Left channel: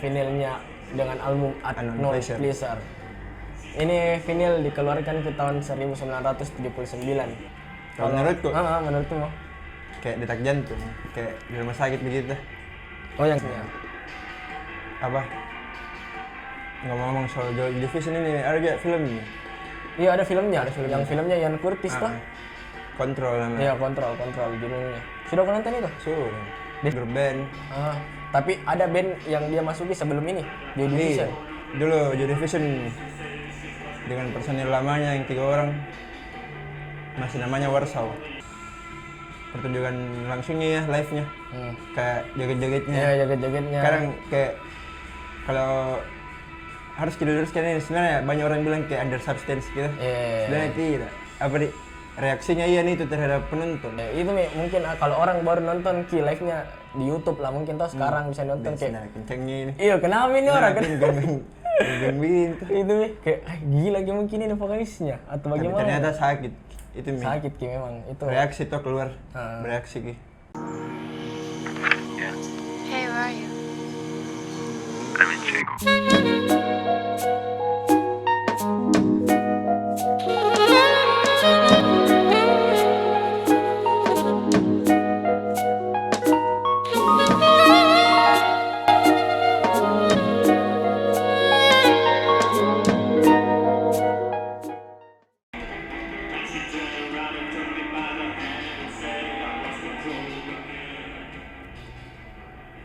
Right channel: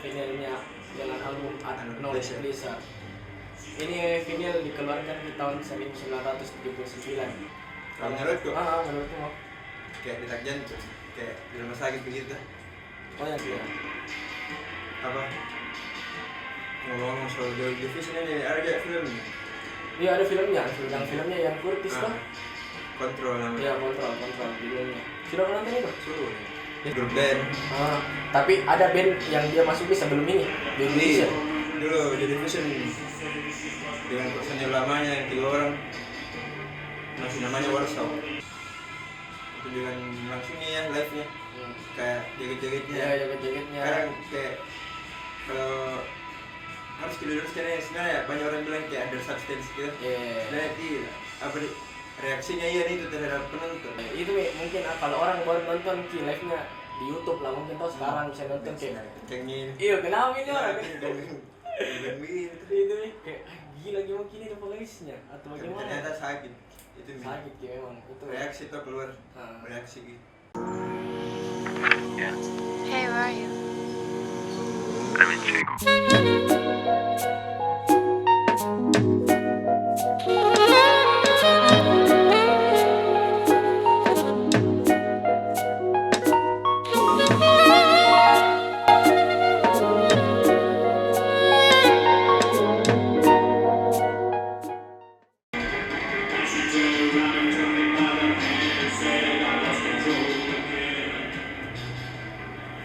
vinilnya dengan album Unknown Pleasure. Ini vinil dikeluarkan ke tahun 1979. Kalau menurutku Menurutmu? kayak detak jantung, kayak di rumah sakit begitu. Oh yang ya. Apa? Ngomong-ngomong soal Joy Division ini, ada juga film nih. Iya ada filmnya, yang filmnya Ian Curtis tuh. Kontrol namanya. Iya kontrol judulnya. Sudah pernah nonton itu? Suruh. Grup band. Tapi ada band yang dia masuki sebelum ini, Joy Division. Dulu Joy Division dengan personil lamanya yang 3 orang masih namanya Warsaw. Pertunjukan langsungnya ya, live-nya. Kayak joget-jogetnya. Iya, joget-jogetnya. Sekarang kayak kalau harus diluruskan ini sebenarnya banyak orang bilang kayak under substance gitu. Sebenarnya tidak. Apa di reaksinya Ian itu terhadap penonton. Ya, itu mungkin kalau orang baru nonton live-nya di YouTube lah mungkin tuh sekarang bisa nonton kayak kencengnya ini. Iya, kenapa ini orang kan? Gangguin. Itu kayak gila gimana ini vokalisnya atau Tapi bagaimana? ternyata sakit. Itu sakit Ki memang itu. Reaksi tuh keluar. Bereaksi Ki. Hey, where are you? Let me check.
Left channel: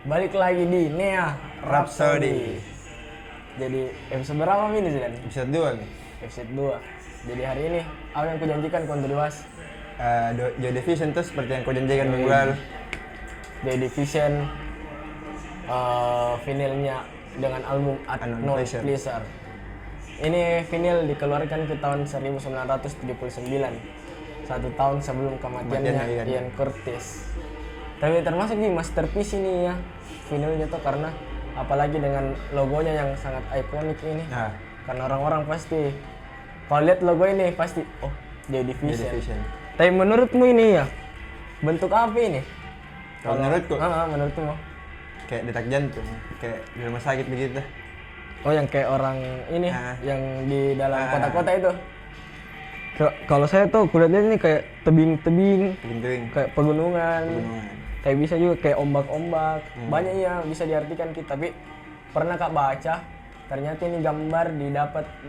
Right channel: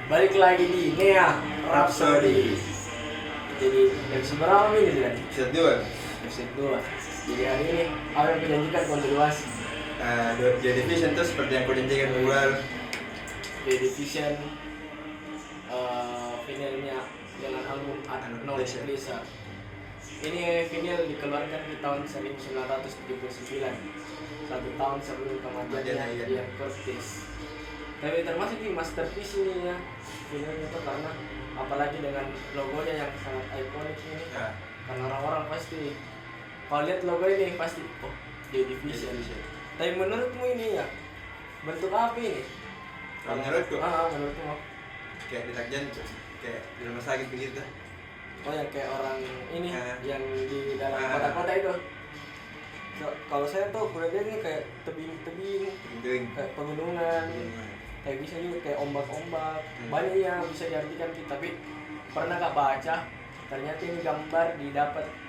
Balik lagi di Nea Rhapsody. Jadi episode berapa ini sudah? Episode 2. Episode 2. Jadi hari ini apa yang kujanjikan kontribusi Joy Division tuh seperti yang kau janjikan minggu lalu. Joy Division vinilnya dengan album Unknown Pleasure. Ini vinil dikeluarkan ke tahun 1979. 1 tahun sebelum kematiannya Ian Curtis. Tapi termasuk di masterpiece ini ya vinilnya tuh karena apalagi dengan logonya yang sangat ikonik ini. Karena orang-orang pasti kalau lihat logo ini pasti Joy Division. Tapi menurutmu ini ya bentuk apa ini? Kalau menurutku menurutmu kayak detak jantung, kayak di rumah sakit begitu. Oh yang kayak orang ini yang di dalam kota-kota itu. Kalau saya tuh kulihatnya ini kayak tebing-tebing, kayak pegunungan. Kayak bisa juga kayak ombak-ombak. Banyak yang bisa diartikan kita. Tapi pernah Kak baca ternyata ini gambar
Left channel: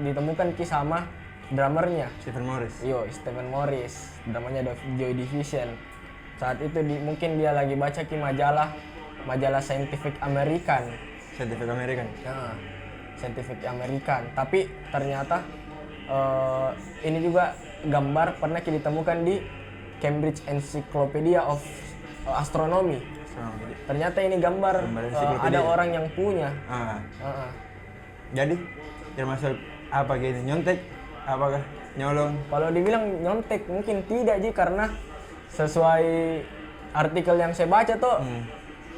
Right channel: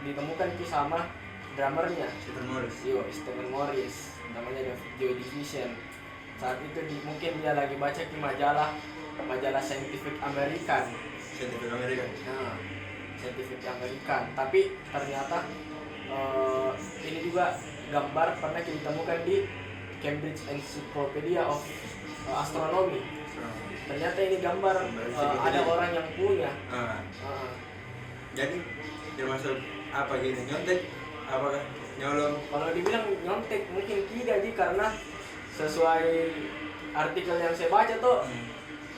ditemukan sama drummernya Stephen Morris. Stephen Morris. Namanya Joy Division. Saat itu mungkin dia lagi baca majalah Scientific American. Scientific American. Tapi ternyata ini juga gambar pernah ditemukan di Cambridge Encyclopedia of Astronomy. Ternyata ini gambar ada orang yang punya. Jadi termasuk apa gitu? Nyontek? Apakah nyolong? Kalau dibilang nyontek mungkin tidak Ji, karena sesuai artikel yang saya baca tuh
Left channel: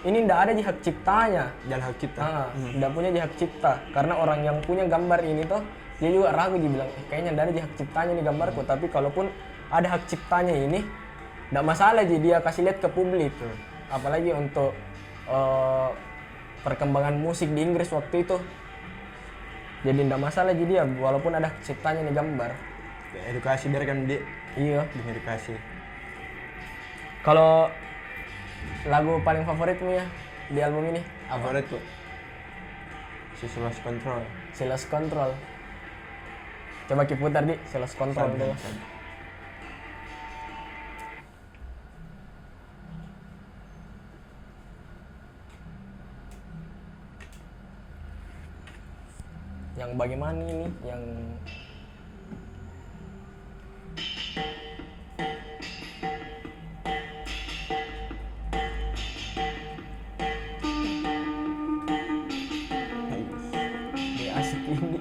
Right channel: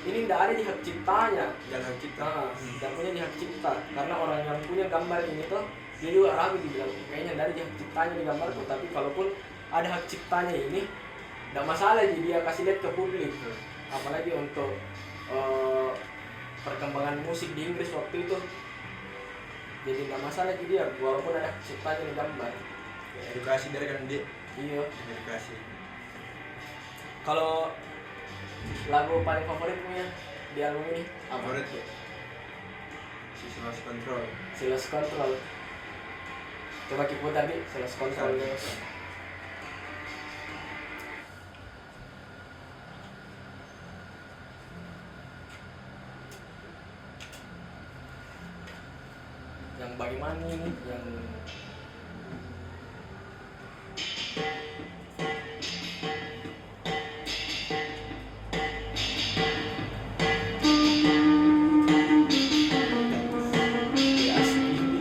ini tidak ada di hak ciptanya. Dan hak cipta. Tidak punya di hak cipta. Karena orang yang punya gambar ini tuh dia juga ragu dibilang kayaknya tidak ada di hak ciptanya di gambarku. Tapi kalaupun ada hak ciptanya ini tidak masalah Ji, dia kasih lihat ke publik. Apalagi untuk perkembangan musik di Inggris waktu itu. Jadi tidak masalah Ji dia walaupun ada hak ciptanya di gambar. Edukasi biar kan dia. Iya. Edukasi. Kalau lagu paling favoritmu ya di album ini? Favorit tuh Lost Control. Lost Control. Coba kita putar di Lost Control dulu. Yang bagaimana ini? Yang asik ini.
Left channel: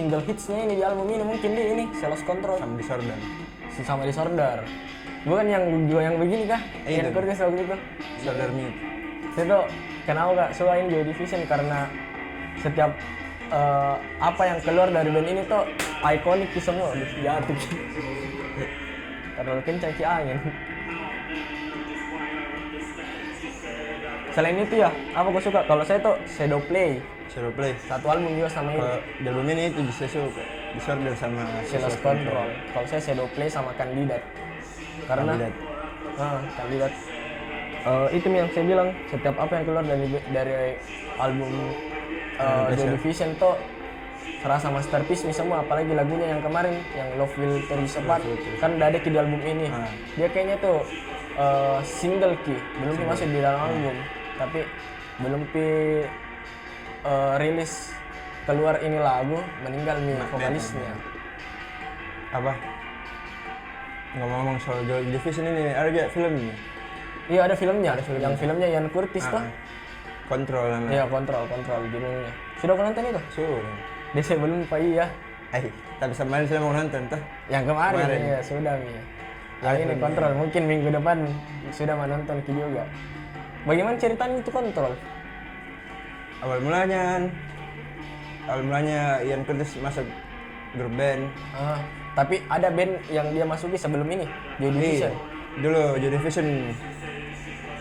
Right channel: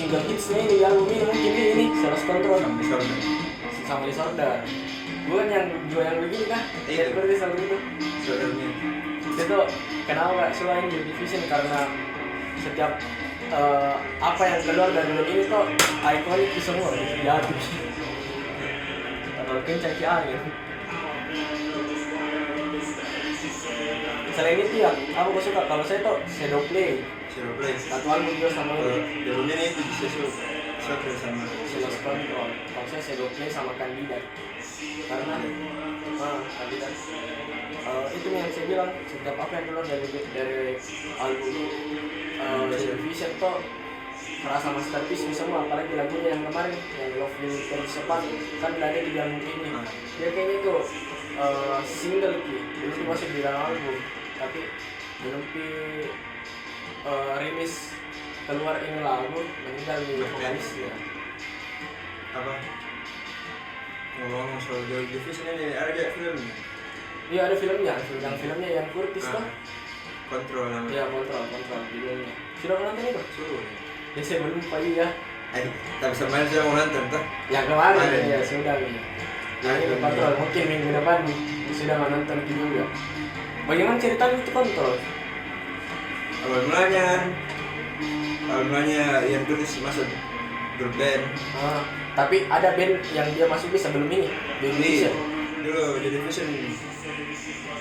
single hitsnya ini di album ini mungkin ini Lost Control sama Disorder. Bukan yang juga yang begini kah? Ian Curtis lagu itu. Disorder Me. Itu kenapa gak suka ini Joy Division karena setiap apa yang keluar dari band ini tuh ikonik semua di hati. Terlalu kencang ki angin. Selain itu ya, apa gue suka? Kalau saya tuh Shadow Play. Satu album juga sama ini. Dan albumnya itu bisa Disorder sama Lost Control. Kalau saya Shadow Play sama Candidate. Karena Candidate. Itu yang saya bilang, setiap apa yang keluar dari album Joy Division tuh terasa masterpiece nih semua, apalagi lagunya yang kemarin yang Love Will Tear Us Apart kan udah ada di album ini. Dia kayaknya tuh single ki, belum masih di dalam album, tapi belum rilis keluar ini lagu meninggal nih vokalisnya. Apa? Ngomong-ngomong soal Joy Division ini, ada juga film nih? Iya ada filmnya, yang filmnya Ian Curtis tuh. Kontrol namanya. Iya kontrol judulnya. Sudah mau nonton itu? Suruh. Dia saya belum Pak iya. Tapi semain saya mau nonton tuh. Yang kemarin ya sudah nih. Yang ini kontrol mungkin minggu depan sudah menonton juga. Bagaimana ceritanya itu kontrol? Awal mulanya Ian Curtis masuk grup band. Tapi ada band yang dia masuki sebelum ini, Joy Division. Dulu Joy Division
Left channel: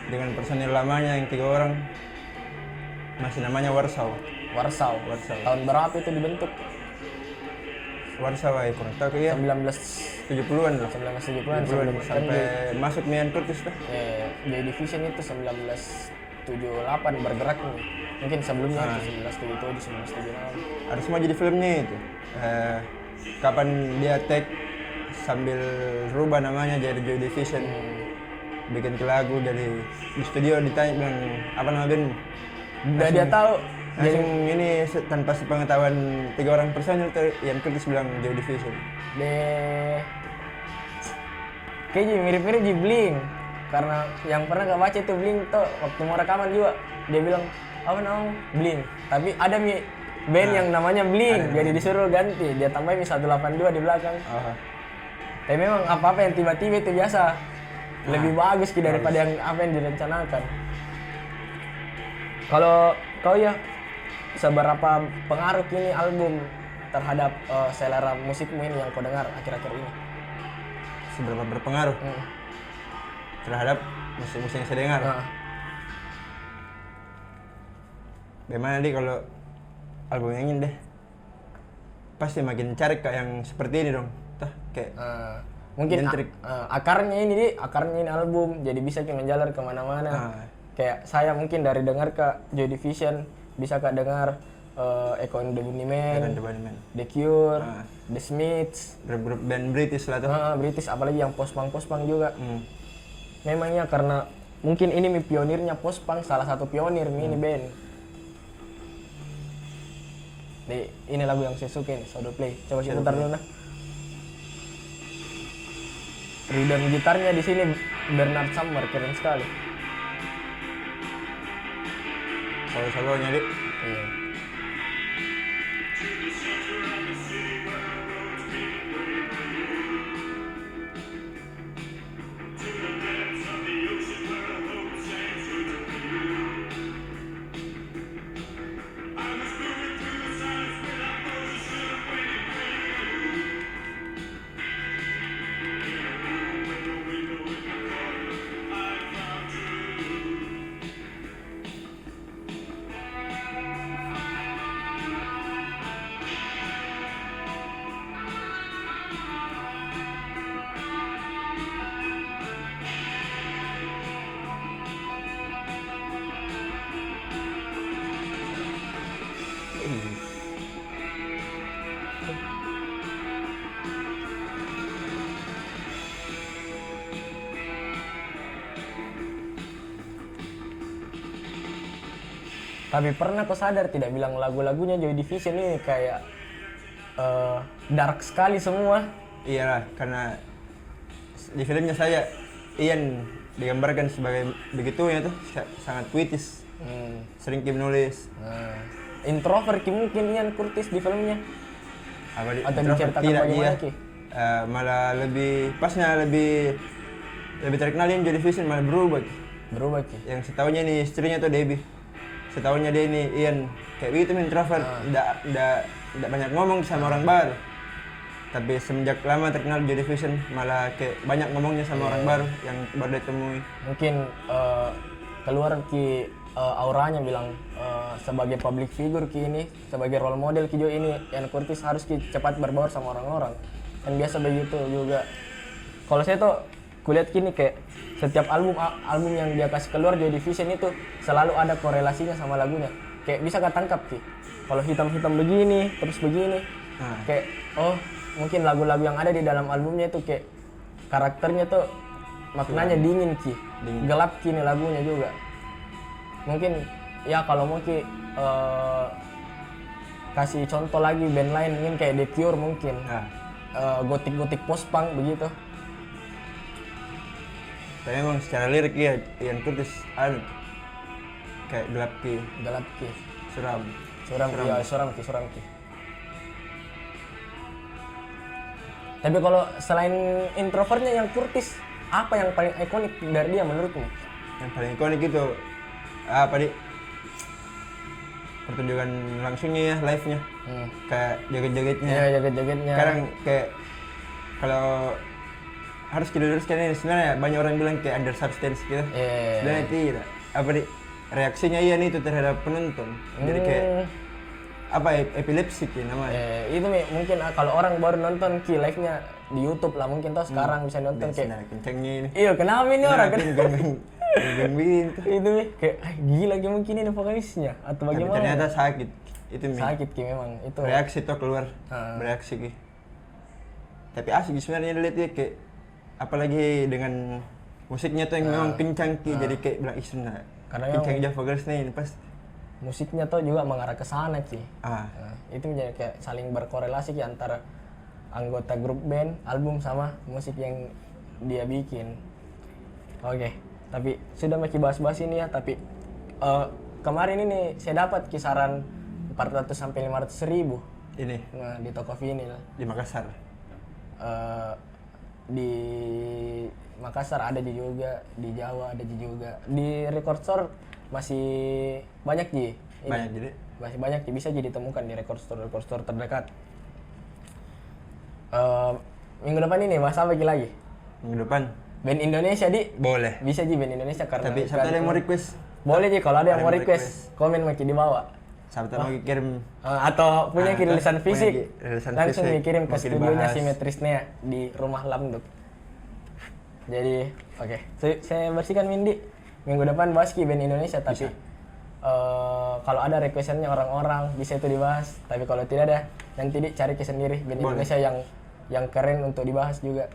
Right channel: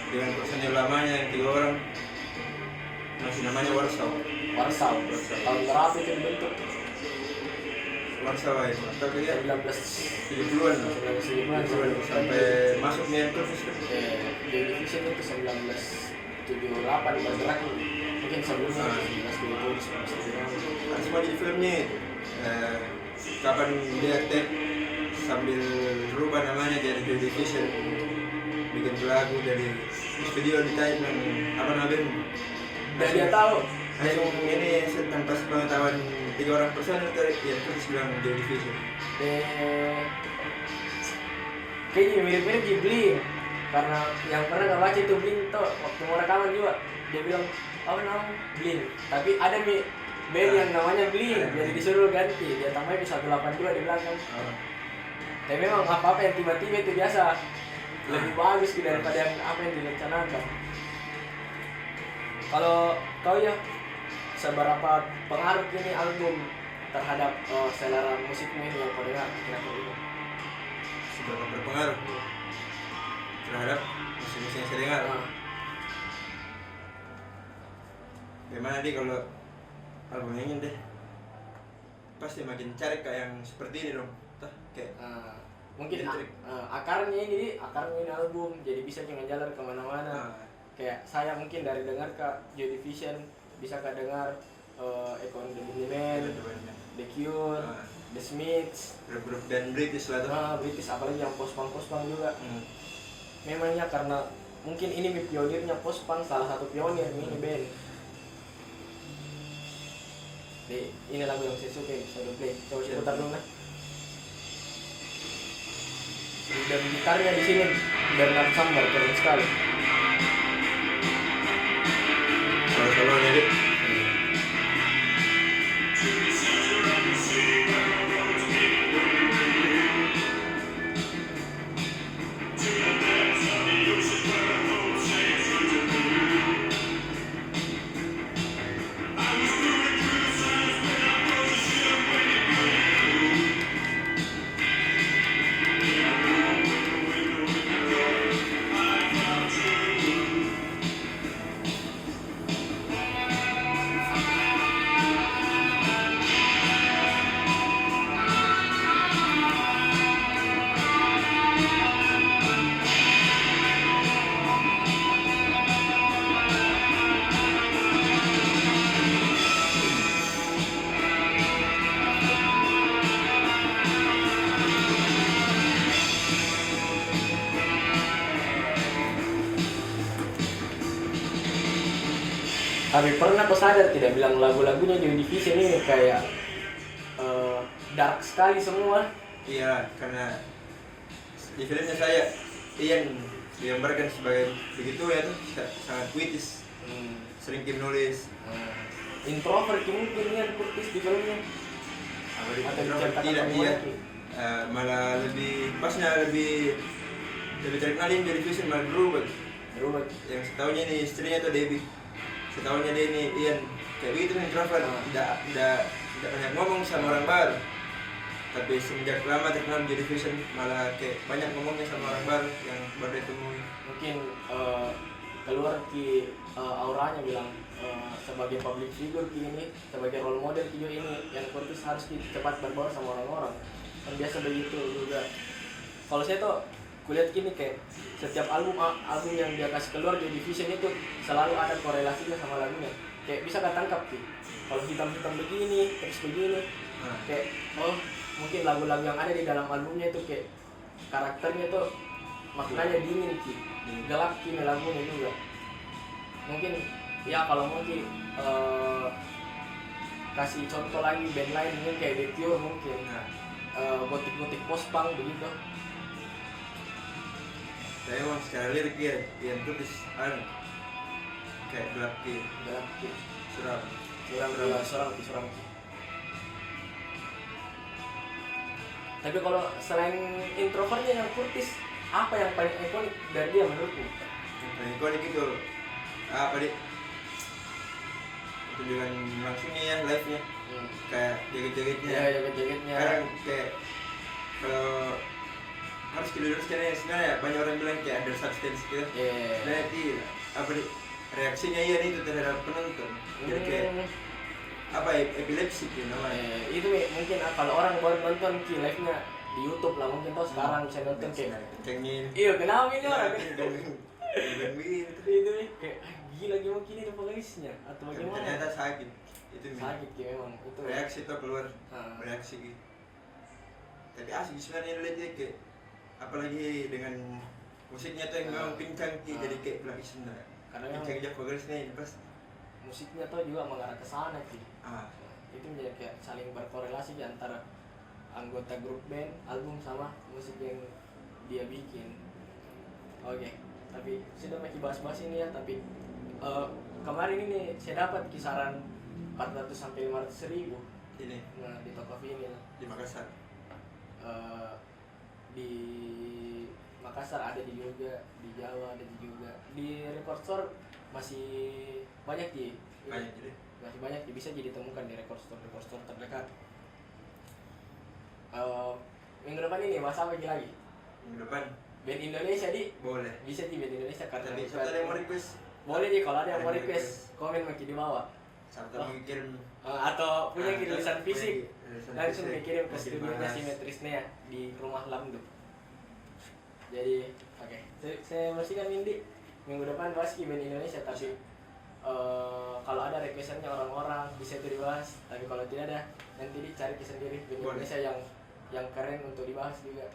dengan personil lamanya yang 3 orang masih namanya Warsaw. Tahun berapa itu dibentuk? Warsaw ya, kurang tahu ya. 1970-an lah. 1970-an sampai masuk Ian Curtis tuh. Joy Division itu 1978 bergerak nih. Mungkin sebelumnya 1977, 1978. Ada semua jadi filmnya itu. Kapan dia take sambil rubah namanya jadi Joy Division, bikin ke lagu dari di studio ditanya dengan apa namanya udah dia tahu langsung ini tanpa sepengetahuan 3 orang personil yang Curtis bilang Joy Division. Kayaknya mirip-mirip di Blink karena yang pernah nggak baca itu Blink tuh waktu mau rekaman juga dia bilang apa namanya Blink, tapi ada nih band yang namanya Blink jadi disuruh ganti, dia tambahin 182 di belakang. Tapi memang apa-apa yang tiba-tiba itu biasa lebih bagus daripada yang apa yang direncanakan. Kalau kau ya seberapa pengaruh ini album terhadap selera musikmu ini yang kau dengar akhir-akhir ini? Seberapa berpengaruh terhadap musik-musik yang saya dengar? Gimana nih kalau album yang ini deh? Pasti makin cari kayak yang seperti ini dong. Kayak mungkin akarnya ini album jadi bisa kayak menjalar kemana-mana. Kayak saya mungkin dari dengar ke Joy Division bisa kak dengar Echo and the Bunnymen, The Cure, The Smiths, grup band British lah tuh. British apalagi yang post-punk juga. Memangnya karena mungkin ini pionirnya post-punk, salah satu pionir ini band. Ini lagu yang saya suka, Shadow Play. Coba saya putar dulu nah. Dan gitarnya di sini Bernard Sumner keren sekali. Solo jadi. Tapi pernah kau sadar tidak bilang lagu-lagunya Joy Division ini kayak dark sekali semua? Iya, karena di filmnya saya Ian digambarkan sebagai begitu ya tuh sangat puitis, sering menulis. Introvert mungkin Ian Curtis di filmnya. atau diceritakan tidak dia bagaimana Ki? malah lebih pasnya lebih terkenalin jadi Vision malah berubah. Ki. Yang setahunya nih istrinya tuh Debbie, setahunya dia ini Ian kayak begitu nih introvert, tidak banyak ngomong sama orang baru. Tapi semenjak lama terkenal jadi Vision malah kayak banyak ngomongnya sama orang baru yang baru ditemui. Mungkin keluar Ki auranya bilang sebagai public figure Ki ini, sebagai role model Ki Jo ini, Ian Curtis harus Ki cepat berbaur sama orang-orang. Kan biasa begitu juga. Kalau saya tuh kulihat gini kayak setiap album yang dia kasih keluar jadi Vision itu selalu ada korelasinya sama lagunya. Kayak bisa ketangkap Ki. Kalau hitam-hitam begini, terus begini. Kayak oh, mungkin lagu-lagu yang ada di dalam albumnya itu kayak karakternya tuh maknanya dingin Ki. Gelap Ki nih lagunya juga. Mungkin ya kalau mau Ki kasih contoh lagi band lain mungkin kayak The Cure mungkin. Gotik-gotik post-punk begitu. Tapi emang secara lirik ya Ian Curtis ada kayak gelap Ki, suram Ki. Tapi kalau selain introvertnya yang Curtis, apa yang paling ikonik dari dia menurutmu? Yang paling ikonik itu apa nih? Pertunjukan langsungnya ya, live-nya. Kayak joget-jogetnya. Iya, joget-jogetnya. Sekarang kayak kalau harus diluruskan ini sebenarnya banyak orang bilang kayak under substance gitu. Sebenarnya tidak. Apa nih? Reaksinya Ian itu terhadap penonton. Jadi kayak apa epilepsi ya namanya. Itu mungkin kalau orang baru nonton Ki live-nya di YouTube lah mungkin tuh sekarang bisa nonton kayak kencengnya ini. Iya, kenapa ini orang kan? Gembing Itu kayak gila mungkin ini vokalisnya atau bagaimana? Tapi ternyata sakit. Itu sakit Ki memang itu. Reaksi tuh keluar. Bereaksi Ki. Tapi asik sebenarnya dilihat ya kayak apalagi dengan musiknya tuh yang memang kencang Ki jadi kayak bilang isna. Karena kencang aja vokalisnya ini pas musiknya tuh juga mengarah ke sana Ki. Itu menjadi kayak saling berkorelasi Ki antara anggota grup band, album sama musik yang dia bikin. Oke, tapi sudah masih bahas-bahas ini ya, tapi kemarin ini saya dapat kisaran 400 sampai 500 ribu ini di toko vinil di Makassar. Di Makassar ada juga, di Jawa ada juga, di record store masih banyak Ji. Banyak jadi? Masih banyak Ji, bisa jadi ditemukan di record store terdekat. Minggu depan ini bahas apa lagi? Minggu depan? Band Indonesia Di? Boleh. Bisa Ji band Indonesia karena tapi siapa yang mau request? Boleh Ji, kalau ada yang mau request, komen Maki di bawah. Siapa mau kirim atau punya tulisan fisik, langsung fisik, dikirim ke studionya Simetrisnya di Rumah Lamduk. Jadi, oke. Saya bersihkan Windy. Minggu depan bahas Ki band Indonesia, tapi kalau ada requestannya orang-orang bisa itu dibahas. Tapi kalau tidak ada, nanti cari ke sendiri band Indonesia yang keren untuk dibahas juga.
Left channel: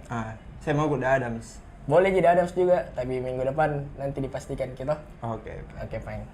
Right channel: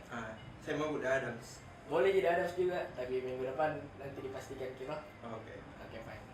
Saya mau The Adams. Boleh jadi Adams juga, tapi minggu depan nanti dipastikan kita. Oke, fine.